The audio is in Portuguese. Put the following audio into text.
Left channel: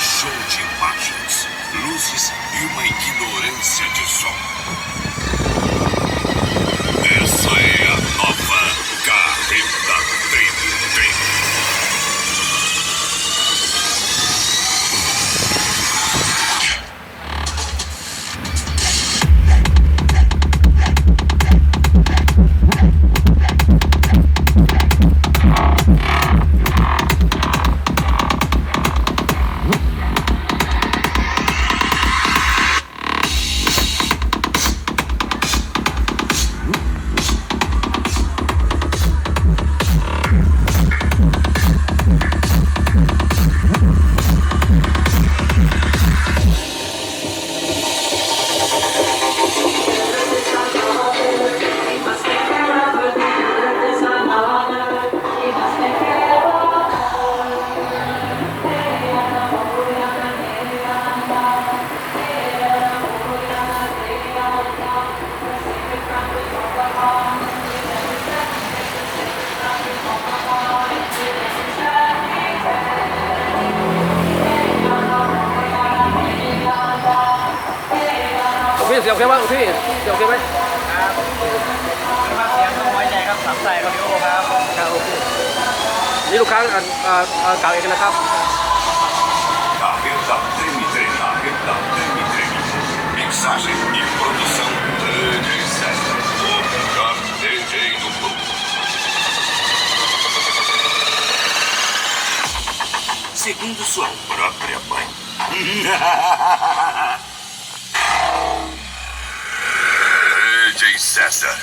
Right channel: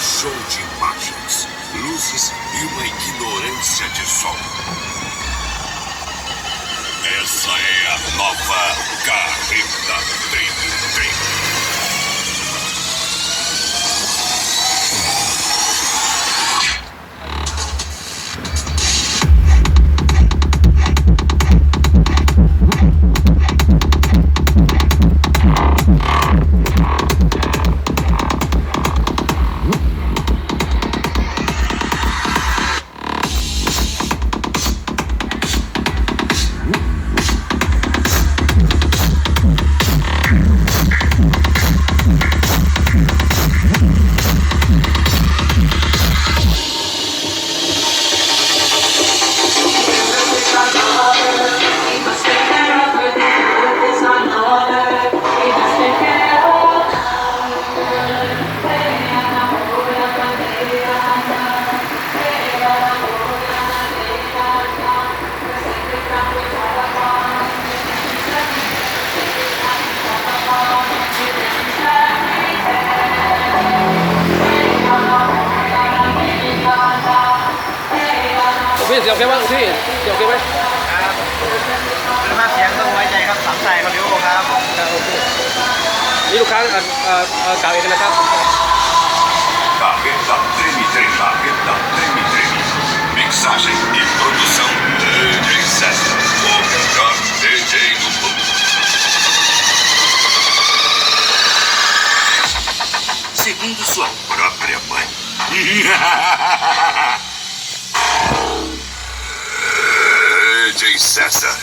show de imagens, luzes e uma ignorância de som. Essa é a nova carreta Trim.พี่เสียงโอเคไหมพี่เสียงโอเคไหมครับคุณภาพเสียงต้องไว้ใจครับสามสายคอนดิโอครับครับโอเคนี่ลูกค้าเก่าเองนะครับ Carreta Treme. Mixagem e produção DJ César, o melhor DJ do mundo. Segundo sua própria mãe. DJ César.